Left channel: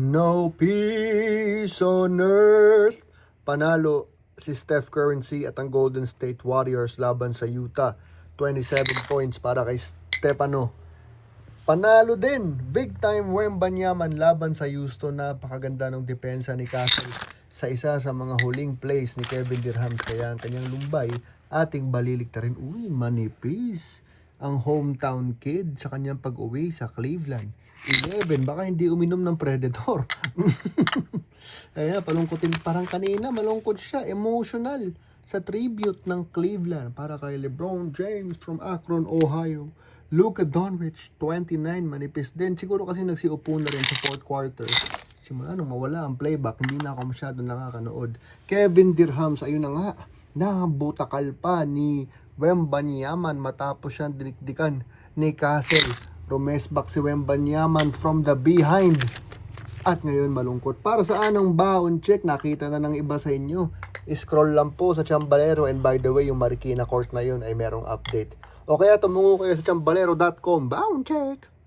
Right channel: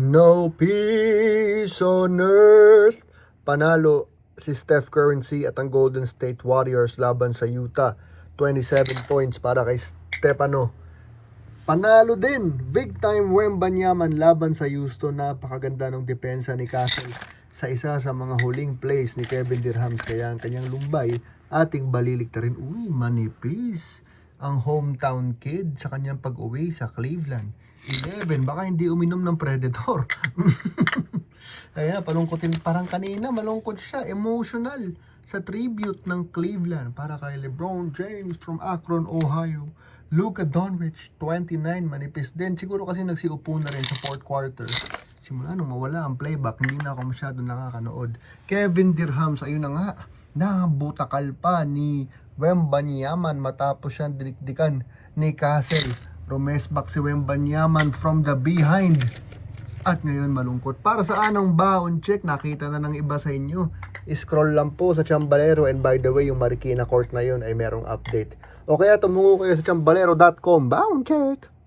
No peace on earth. Panalo si Steph Curry at ang Golden State Warriors laban sa Utah. 27 points para kay Stepano. Panalo din, big time Wembanyama laban sa Houston. Napakaganda ng depensa ni Castle sa isa sa mga huling plays ni Kevin Durant. Kaya ang kanyang lumbay ating balilik na rin. Uy, manipis ang hometown kid sa kanyang pag-uwi sa Cleveland. 11, baka hindi uminom ng Predator. Ayan, palungkotin. Parang kanina, malungkot siya. Emotional sa tribute ng Cleveland para kay LeBron James from Akron, Ohio. Luka Doncic, 29, manipis din. Siguro kasi nagsiupo na rin sa fourth quarter. Simula nung mawala ang playback, hindi na ako masyado nakakanood. Kevin Durant, ayun na nga, nabutakal pa ni Wembanyama matapos siyang dinikdikan ni Castle. Rumesbak si Wembanyama from the behind. At ngayon malungkot. Para sa anong baon check, nakita na ng iba sa inyo. Scroll lang po sa Chambalero, and by the way, yung Marikina Court na yun ay merong update. O kaya tumungo kayo sa chambalero.com. Baon check!